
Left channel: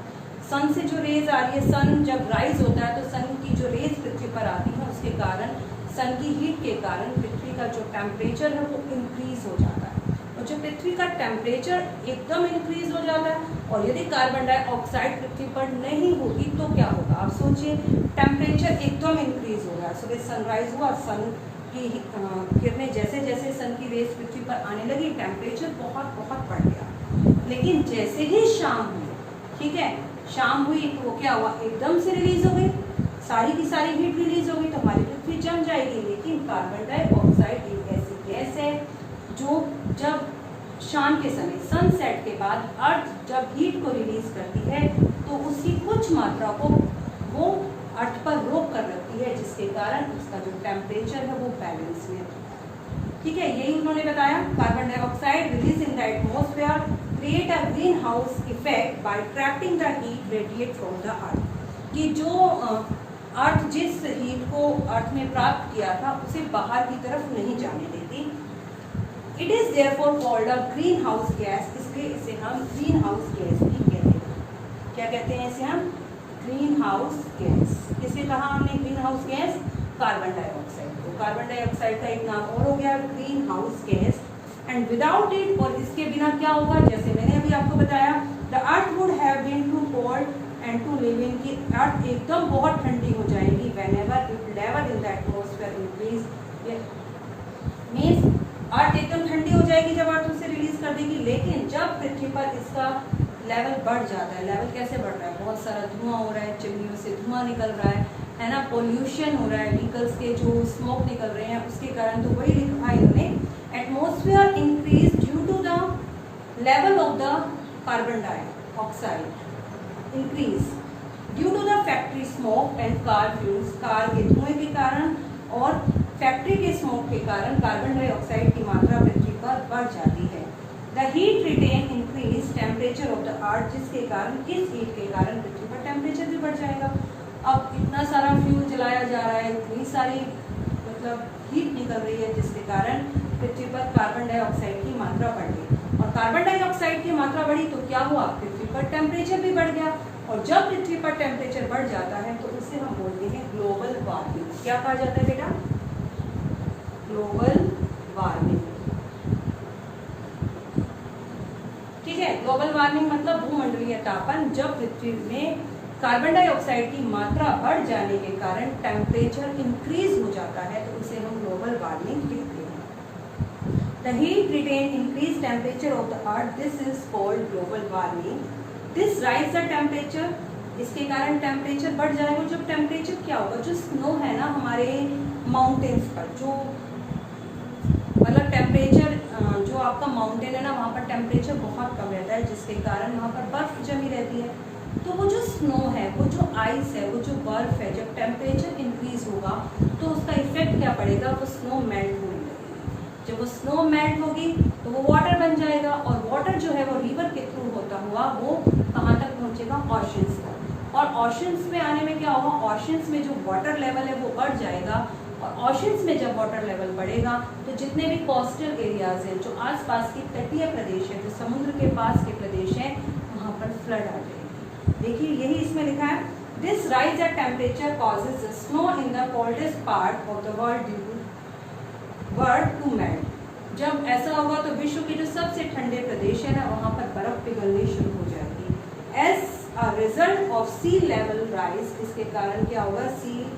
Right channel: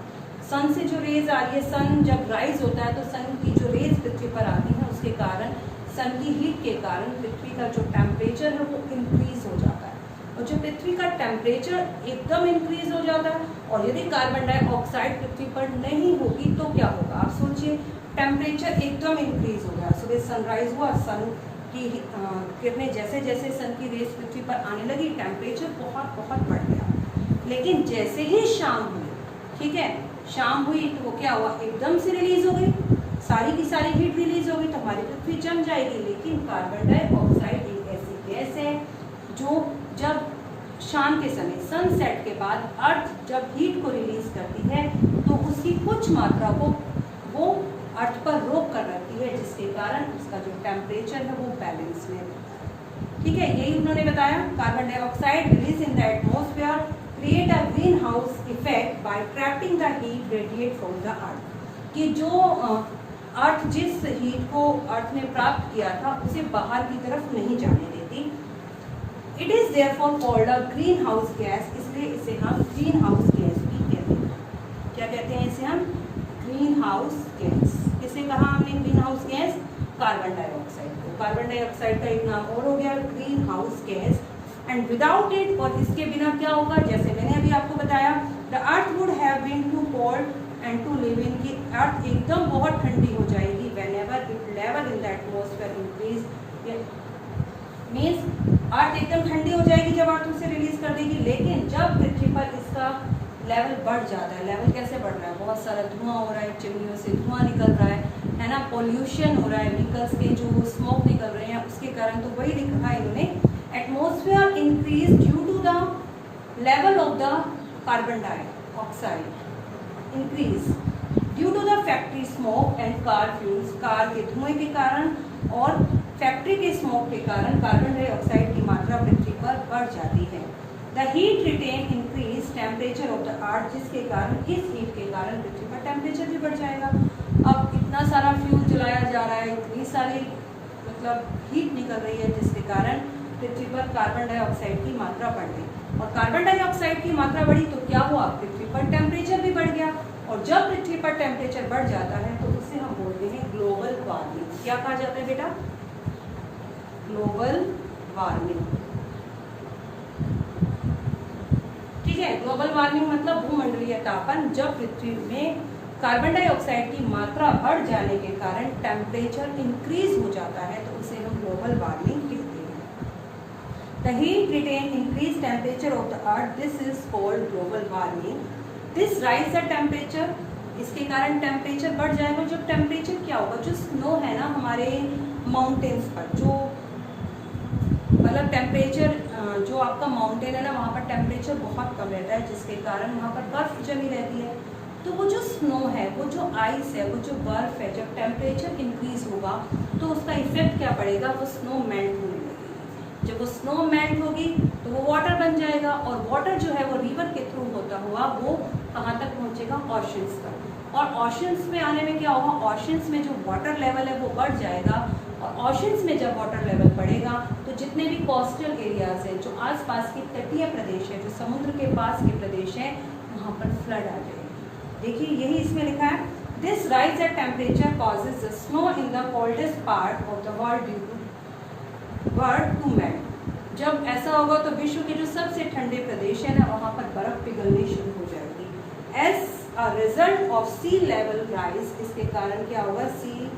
सन से जो रेज आ रही है, सन जब राइज होता है तो सन की जो रेज पृथ्वी पर आती है, उसके कारण, सन की हीट के कारण पृथ्वी का जो टेम्परेचर है वो इंक्रीज हो जाता है। और जब पृथ्वी का टेम्परेचर एकदम इंक्रीज हो जाता है, और यदि कार्बन डाइऑक्साइड पृथ्वी पर नहीं होगी तो क्या होगा, आप सोचिए, टेम्परेचर एकदम इंक्रीज हो रहा है, सुबह सनराइज हुआ, सन की किरणें जैसे जैसे सन की रेस पृथ्वी पर आने लगी, टेम्परेचर बहुत बढ़ गया। लेकिन जैसे ही शाम हुई, ठीक है, शाम हुई तो वो क्या हुआ, एकदम से रिलीज हो गई, सारी की सारी हीट रिलीज होगी तो हमारी पृथ्वी जम जाएगी। लेकिन कार्बन डाइऑक्साइड एक ऐसी गैस है जो जब शाम के समय, सनसेट के बाद अर्थ जब हीट को रिलीज करती है तो उसकी कुछ मात्रा को वो अर्थ पर रोक कर रखती है, जिसके कारण उसका जो टेम्परेचर है वो बैलेंस में रहता है। ठीक है, यही उन्होंने बताया, carbon dioxide release in the atmosphere create a greenhouse effect by trapping the heat radiate from the अर्थ, कि जो अर्थ जिस हीट को अर्थ ने प्राप्त किया था उसे बाहर की तरफ नहीं जाने देती। It is therefore called a green house gas, इसलिए इसे हम ग्रीन हाउस गैस भी कहते हैं। क्या कहते हैं इसे हम, ग्रीन हाउस गैस। किसे कहा हमने green house gas, carbon dioxide को। कार्बन डाइऑक्साइड का एक नाम और हो गया green house gas. And without it, और इसके बिना क्या होगा, जैसे मैंने अभी आपको बताया, the earth would have been too cold and to live in, की अर्थ एकदम बहुत ठंडी हो जाएगी। Whenever it level in the atmosphere increase, means earth एकदम ठंडी हो जाएगी जब अर्थ उसे रिलीज कर देगी। लेकिन जब पृथ्वी पर इसका लेवल बढ़ जाता है, लेवल कैसे बढ़ रहा है, बहुत सारा धुआं हो रहा है, चिमनियों से धुआं निकल रहा है ना, पोल्यूशन हो रहा है, व्हीकल्स के जो स्मोक निकल रहे हैं उसके कारण, तो वही लिखा है इन्होंने, atmosphere increase due to the level of the carbon dioxide increase due to the factory smoke and car fuels, car के धुएं के कारण और फैक्ट्री के स्मोक के कारण कार्बन डाइऑक्साइड की मात्रा पृथ्वी पर बढ़ जाती है। The heat retain increase temperature of the earth, जिसके कारण, इस हीट के कारण पृथ्वी का टेम्परेचर भी बढ़ जाएगा। अब इतना सारा फ्यूल जलाया जा रहा है, इतनी सारी मतलब हीट निकल रही है, जिसके कारण पृथ्वी पर कार्बन डाइऑक्साइड की मात्रा बढ़ गई। और कार्बन डाइऑक्साइड की मात्रा बढ़ी तो क्या हुआ, पृथ्वी पर टेम्परेचर भी बढ़ गया। और जब पृथ्वी पर टेम्परेचर बढ़ जाता है तो उसे हम बोलते हैं ग्लोबल वार्मिंग। क्या कहा जाता है बेटा, ग्लोबल वार्मिंग। ठीक है। ग्लोबल वार्मिंग मतलब भूमंडलीय तापन, जब पृथ्वी में कार्बन डाइऑक्साइड की मात्रा बढ़ जाने के कारण टेम्परेचर इंक्रीज हो जाता है, तो उसे हम ग्लोबल वार्मिंग कहते हैं। The heat retain increase temperature of the earth, this is called global warming. This rise the temperature, इसके कारण टेम्परेचर बढ़ जाएगा। जब टेम्परेचर क्या होगा, जो स्नो है ना हमारे माउंटेन्स पर, जो मतलब टेम्परेचर जो आपका माउंटेन है ना वहाँ पर टेम्परेचर बहुत कम रहता है, जिसके कारण वहाँ पर बर्फ जमी रहती है। तो वो जो स्नो है, वो जो आइस है, वो जो बर्फ है, जब टेम्परेचर इंक्रीज होगा तो उसका इफेक्ट क्या पड़ेगा, वो स्नो मेल्ट होने लगेगी। जब वो स्नो मेल्ट होगी तो वो वाटर बन जाएगा, और वाटर जो है वो रिवर के थ्रू होता हुआ वो कहाँ तक पहुँचेगा, ऑशंस तक। और ऑशंस में आने में क्या होगा, ऑशंस में जो वाटर लेवल है वो बढ़ जाएगा, और ऑशंस में जब वाटर लेवल बढ़ेगा तो जितने भी कोस्टल एरियाज हैं, जो आसपास के तटीय प्रदेश है, जो समुद्र के पास के प्रदेश हैं, वहाँ पर फ्लड आ जाएगी। देखिए यही इसमें लिखा है, this rise at temperature causes snow in the coldest part of the world to melt. जब ऐसा होगा तो विश्व के जो सबसे ठंडे प्रदेश है ना वहाँ पर बर्फ पिघलनी शुरू हो जाएगी। As a result of sea level rise, इसके कारण क्या होगा, सी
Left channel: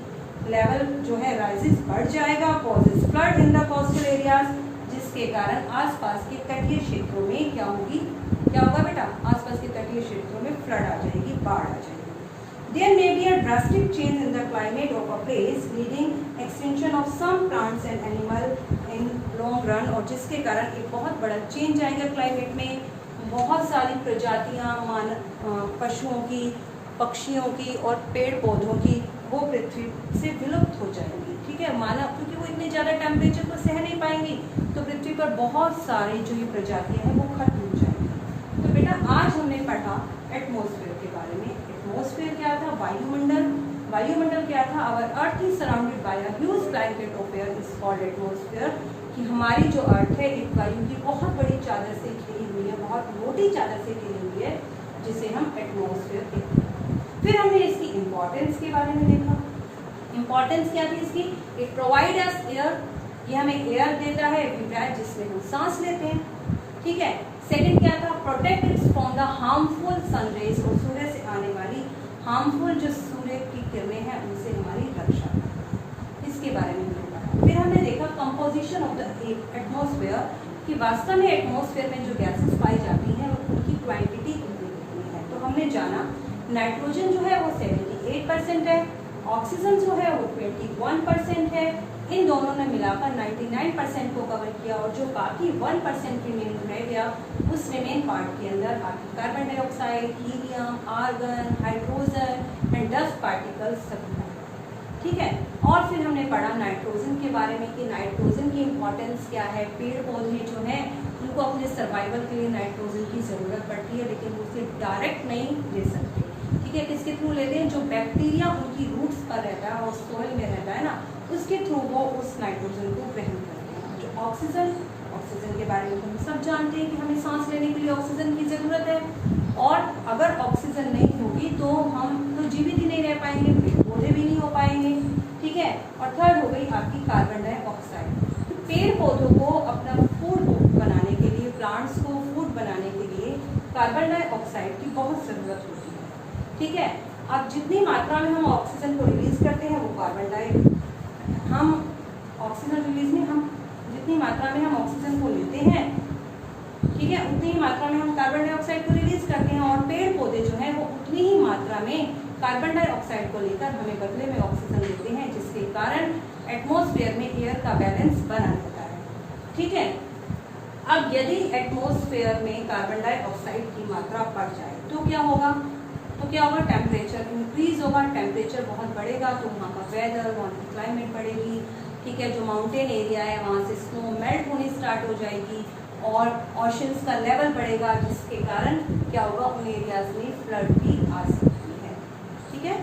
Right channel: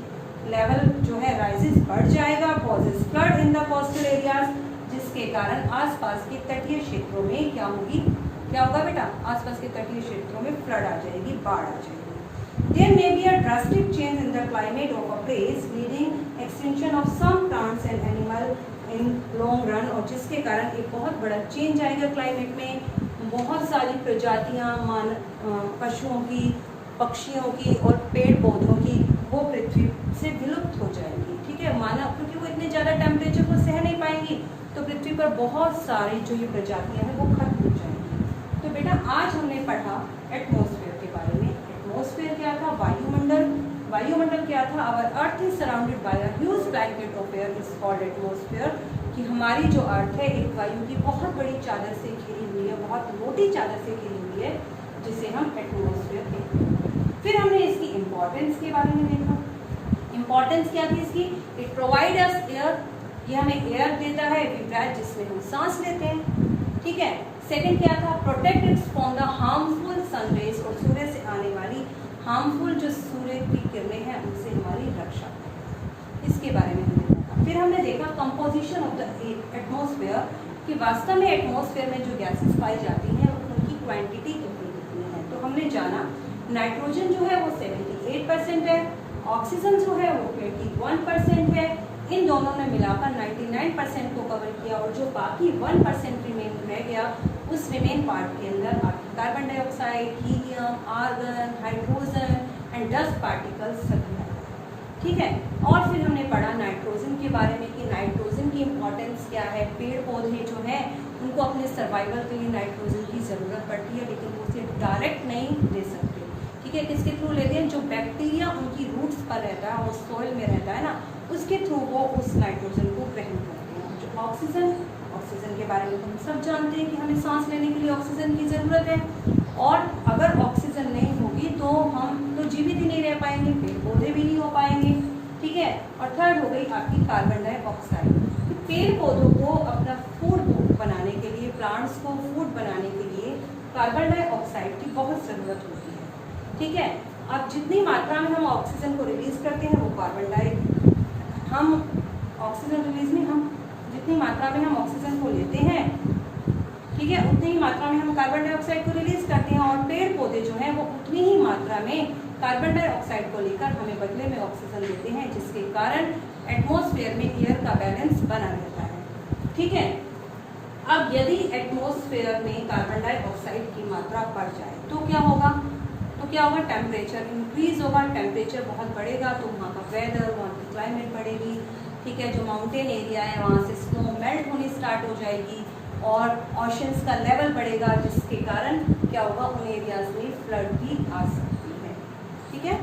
लेवल जो है राइजेस बढ़ जाएगा, causes flood in the coastal areas, जिसके कारण आसपास के तटीय क्षेत्रों में क्या होगी, क्या होगा बेटा, आसपास के तटीय क्षेत्रों में फ्लड आ जाएगी, बाढ़ आ जाएगी। There may be a drastic change in the climate of a place, leading extinction of some plants and animal in long run, और जिसके कारण एक बहुत बड़ा चेंज आएगा क्लाइमेट में। बहुत सारी प्रजातियां पशुओं की, पक्षियों की और पेड़ पौधों की वो पृथ्वी से विलुप्त हो जाएंगी। ठीक है, मानव, क्योंकि वो इतने ज़्यादा टेम्परेचर को सह नहीं पाएंगी, तो पृथ्वी पर बहुत सारी जो ये प्रजातियां हैं वो खत्म हो जाएंगी। तो बेटा आज हमने पढ़ा एटमॉस्फेयर के बारे में। एटमॉस्फेयर क्या था, वायुमंडल। वायुमंडल क्या था, our earth is surrounded by a huge blanket of air is called atmosphere, कि हमारी जो अर्थ है एक वायु की बहुत बड़ी चादर से घिरी हुई है, बहुत मोटी चादर से घिरी हुई है, जिसे हम एटमॉस्फेयर कहते हैं। फिर हमने इसकी इम्पोर्टेंस के बारे में देखा। इम्पोर्टेंस क्या थी इसकी, इट प्रोवाइड अस एयर, ये हमें एयर देता है, जिसमें हम सांस लेते हैं। ठीक है, सेकंड क्या था, protect it's from the harmful sun rays, और सूर्य से आने वाली हार्मफुल जो सूर्य की किरणें हैं उनसे हमारी रक्षा, इसके बारे में हमने पढ़ा। फिर हमने देखा कंपोजिशन ऑफ द एटमॉस्फेयर, कि वास्तव में एटमॉस्फेयर में जो गैसेस पाई जाती हैं उनकी क्वांटिटी कितनी कितनी है। तो हमने जाना नाइट्रोजन जो है वो 78% है, ऑक्सीजन जो है वो 21% है, इन दोनों ने मिलाकर 99% को कवर किया, और जो बाकी 1% रिमेन रह गया, उस रिमेन पार्ट के अंदर आपकी carbon dioxide, helium, argon, hydrogen and dust particles सभी हैं। ठीक है, और फिर हमने पढ़ा नाइट्रोजन के बारे में, कि नाइट्रोजन की इम्पोर्टेंस क्या है। पेड़ पौधे जो हैं उनको अपने सर्वाइवल के लिए नाइट्रोजन की ज़रूरत पड़ती है, लेकिन उसे डायरेक्ट नहीं ले सकते। ठीक है, किसके थ्रू लेते हैं, जो बैक्टीरिया उनकी रूट्स पर रहता है और सॉइल में रहता है ना, उसके थ्रू वो उस नाइट्रोजन को ग्रहण करते हैं। जो ऑक्सीजन, ऑक्सीजन के बारे में हम सब जानते हैं कि हमें सांस लेने के लिए ऑक्सीजन की ज़रूरत है, और अगर ऑक्सीजन नहीं होगी तो हम तो जीवित ही नहीं रह पाएंगे, पेड़ पौधे भी नहीं हो पाएंगे। ठीक है, और थर्ड हो गई आपकी कार्बन डाइऑक्साइड। तो पेड़ पौधों को अपना फूड बनाने के लिए, प्लांट्स को फूड बनाने के लिए कार्बन डाइऑक्साइड की बहुत ज़रूरत होती है। ठीक है, अब जितनी मात्रा में हम ऑक्सीजन को रिलीज करते हैं वो हम ऑक्सीजन रिलीज में हम जितनी मात्रा में हम ऑक्सीजन को लेते हैं, ठीक है, उतनी ही मात्रा में हम कार्बन डाइऑक्साइड को रिलीज करते हैं, और पेड़ पौधे जो हैं वो उतनी ही मात्रा में कार्बन डाइऑक्साइड को लेकर हमें बदले में ऑक्सीजन देते हैं, जिसके कारण एटमॉस्फेयर में एयर का बैलेंस बना रहता है। ठीक है, अब यदि एटमॉस्फेयर में कार्बन डाइऑक्साइड की मात्रा बढ़ जाए तो क्या होगा, टेम्परेचर इंक्रीज होगा, टेम्परेचर बहुत बढ़ेगा तो वहाँ का वेदर, वहाँ की क्लाइमेट बढ़ेगी। ठीक है, जो माउंटेन एरिया है वहाँ से स्नो मेल्ट होनी स्टार्ट हो जाएगी, और ओशंस का लेवल बढ़ेगा, जिसके कारण क्या होगा, उन एरियाज में फ्लड भी आ सकती है। ठीक है।